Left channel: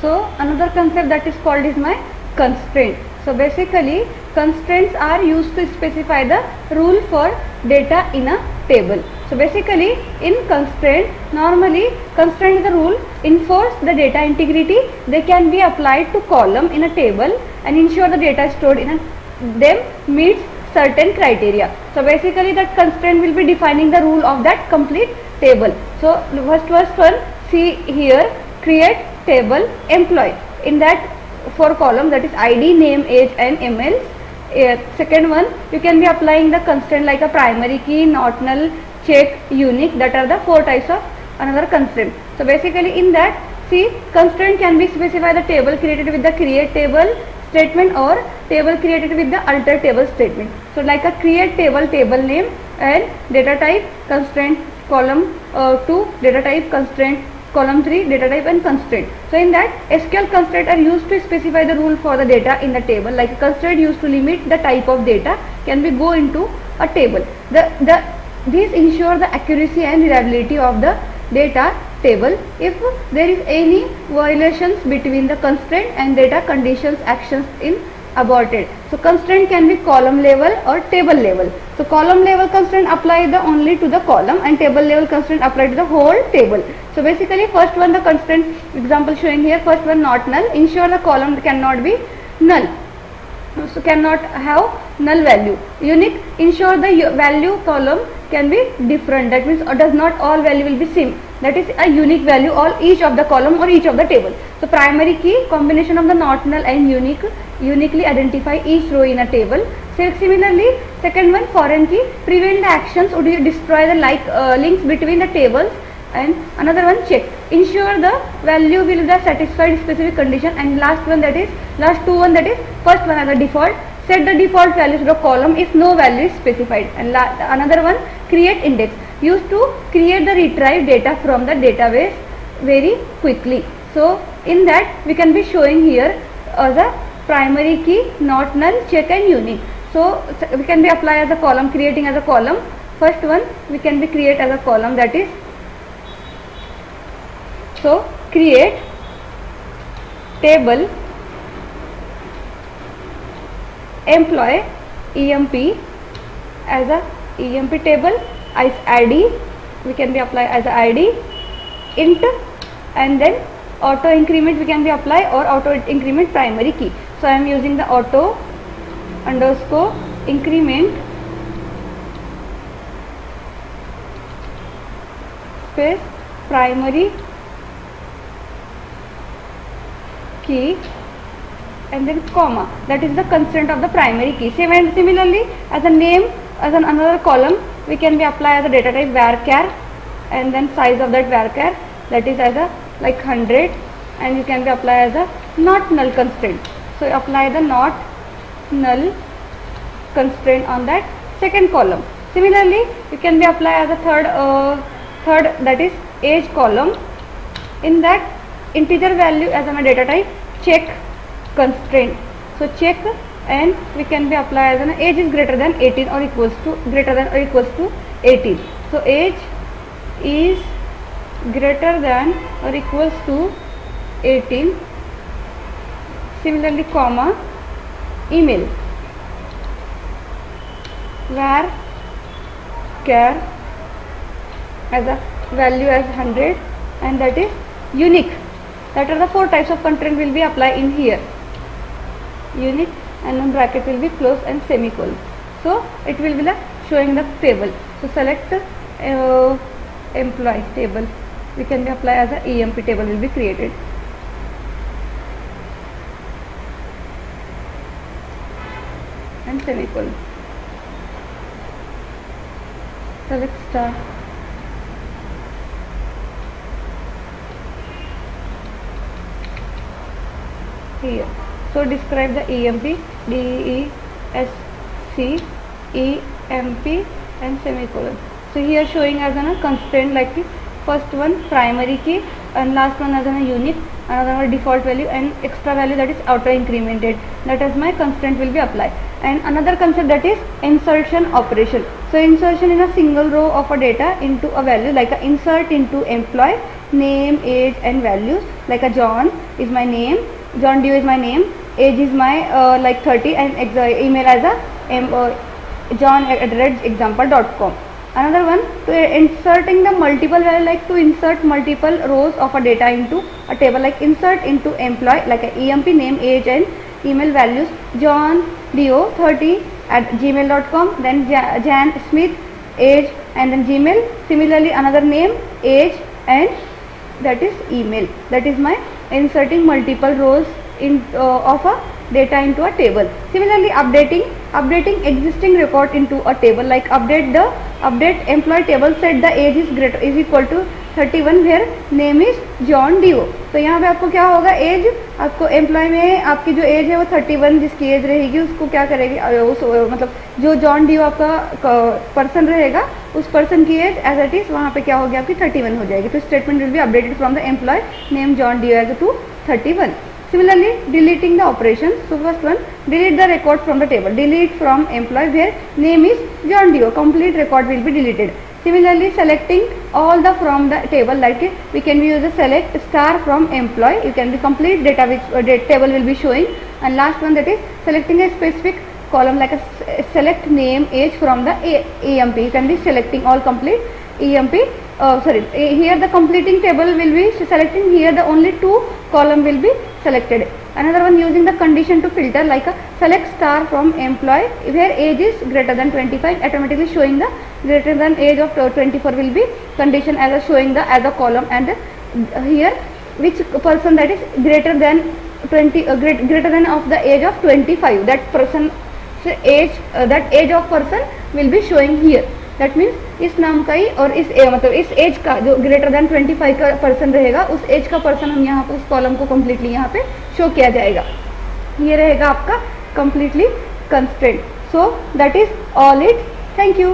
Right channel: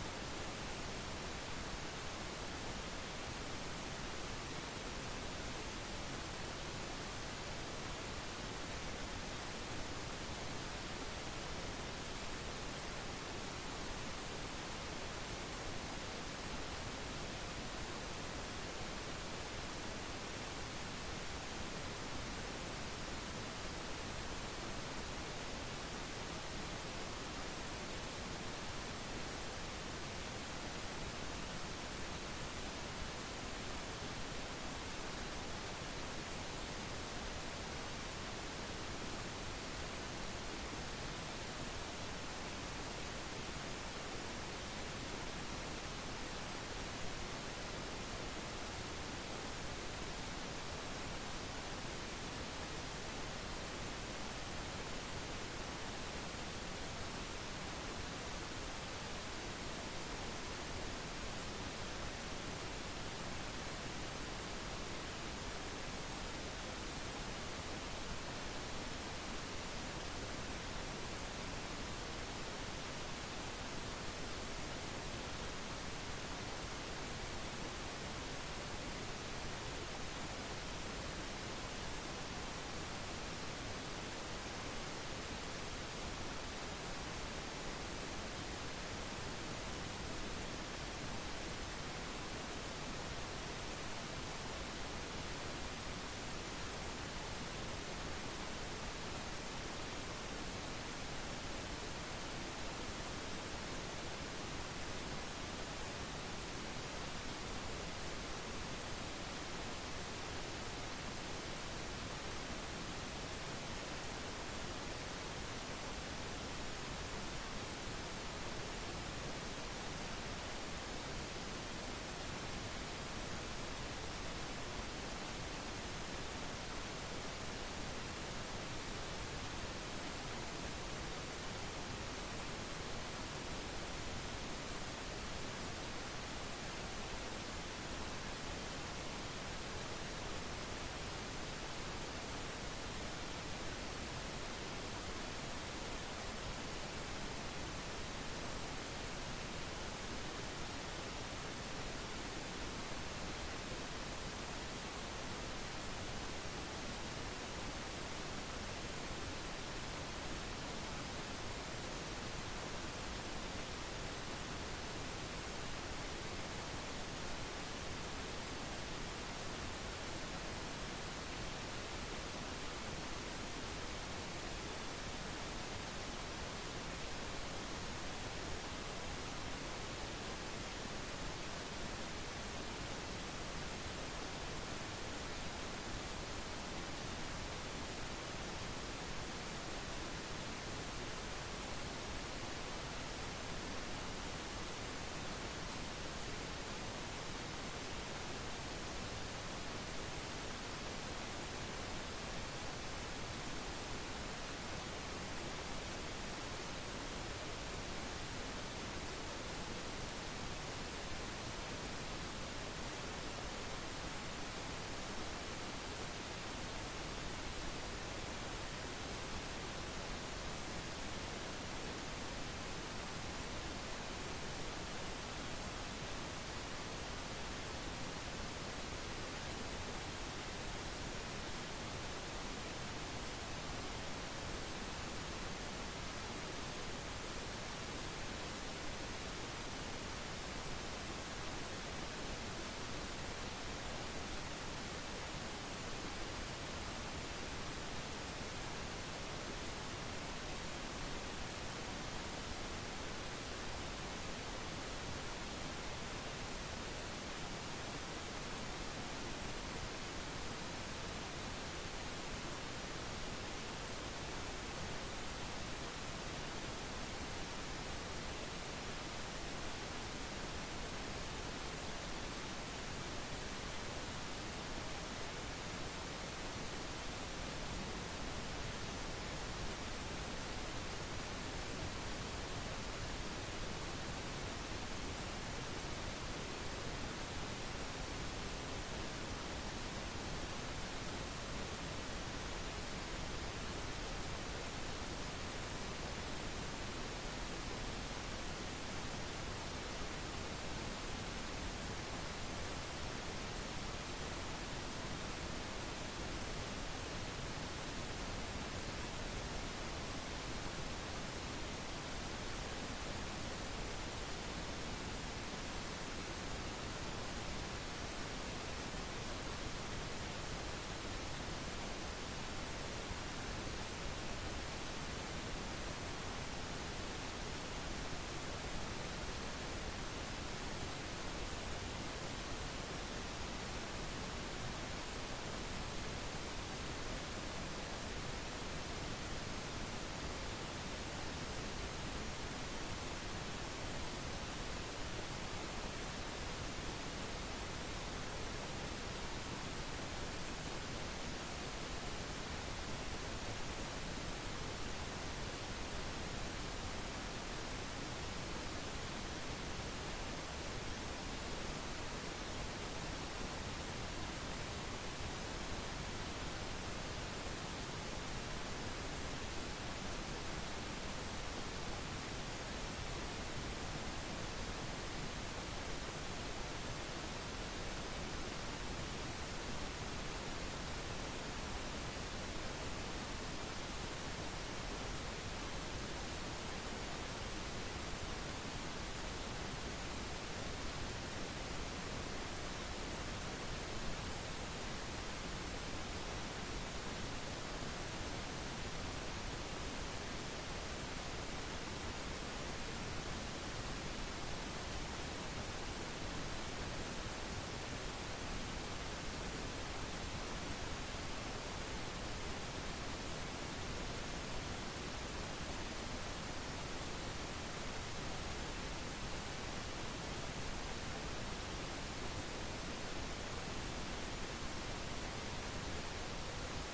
So another concept that is called is my constraint. So basically constraints are used to specify the rule for data in a table. So basically in constraint, normally constraint is the rule enforce the data integrity. They can be applied to column in a table and ensure the data stored in them meets certain criteria. So basically that constraint will be defining the rule of that complete table. So first one, see here, create table employee. In that for column, that is ID, name, age and email. Second one, you can be applying the constraint like a primary key, not null, check, unique. That are the 4 types of another constraint. So basically in that, see, constraint can be specified the table created with the create table statement or table created with the alter table statement. So like a create table, table name, and data type constraint column 2, data type constraint column 3, data type and constraint. So in that SQL constraint are used to specify the rule for the data in the table. Like a constraint used to limit the type of data can be go into a table. These ensure the accuracy and reliability of the data table. If there is any violations between the constraint and data conditions actions in aborted. So constraint can be column level or table level. So column level constraint apply the only to the column and table level constraint apply to the whole table. So basically first one, the constraint example showing here, first one not null, ensure the column cannot be null. So cannot have null value. Unique, ensure the value column can be different. That means does not all value will be same. That is a unique value all each of the column or each of the table. So primary key, combination of the not null and unique, uniquely identify each row in a table. So similarly, second one foreign key, prevent the actions would you destroy the links between the tables. And another one check, ensure the value will the satisfied specific condition. And last one, that is last two one, that is first one as a default, set the default values to the column if no value is specified. And another one create index, used to create the retrieve data from the database very quickly. So in that we can be showing here as a primary key, not null, check and unique. So we can be apply as a column, creating as a column. First one we can be create as a column, that is, so create table employee EMP as a EMP table as ID, we can be apply as a ID int, and then auto increment we can be apply or auto increment primary key. So I am using the auto underscore increment space primary key and then comma, that is the constraint of the primary key. Similarly as a name, as another column we can be apply as a data type varchar and then size of that varchar, that is as a like 100, and you can be apply as a not null constraint. So apply the not null constraint on that second column. Similarly you can be apply as a third that is age column. In that integer value as a data type check constraint. So check, and we can be apply as an age is greater than 18 or equals to 18. So age is greater than or equals to 18. Similarly comma email var char as a value as 100, and that is unique. That are the 4 types of constraint will be applied in here. Unique, and then bracket will be close and semicolon. So it will be showing the table. So select employee table, we can be apply as a EMP table will be created. And semicolon. Select star. Here. So describe the EMP, DESC, EMP and semicolon. So here showing as a constraint like this. First one primary key and last one as a unique, another default value and extra value that is auto incremented. That is my constraint will be applied. And another concept that is insertion operation. So insertion in a single row of a data into a value like a insert into employee name, age and values. Like a John is my name, John Dio is my name, age is my like 30 and email as a john@example.com. Another one, to inserting the multiple value, like to insert multiple rows of a data into a table, like insert into employee, like a emp name, age and email values, John Dio 30 at gmail.com, then Jan Smith, age and then Gmail. Similarly another name, age and that is email. That is my inserting multiple rows in of a data into a table. Similarly updating existing record into a table, like update employee table, set the age is equal to 31 where name is John डिओ. तो यहाँ पे आपको क्या होगा, as आपको employ में आपकी जो एज है वो 31, जिसकी एज रहेगी उसको क्या करेगी, उस मतलब जो जॉन डिओ आपका पर्सन रहेगा उस पर्सन की एज एज इट इज वहाँ पे क्या होगी आपकी 31 हो जाएगी. तो statement will be updated from the employee name John Doe as to 31. Similarly, deleting the operations. So first one, delete the record from the table. Delete from employee where name is John Dio. Complete record will be deleted. Similarly, selecting all the from the table, like we can use a select star from employee. You can be complete data which table will be showing. And last one, that is selecting a specific column, like a select name, age from the EMP. You can be selecting all complete EMP. Here the completing table will be selecting, here the only 2 column will be selected. Another one, using the condition to filter, like a select star from employee where age is greater than 25, automatically showing the greater than age of 24 will be condition as a showing the as a column, and here which person that is greater than 20 greater than of the age of 25, that person age that age of person will be showing here. That means इस नाम का ही और इस मतलब इस as का जो greater than 25 का पर्सन रहेगा उस एज का पर्सन हम यहाँ पर उस कॉलम को कम्प्लीटली यहाँ पे शो किया जाएगा. ये रहेगा आपका completely constraint. So that is all it. Thank you.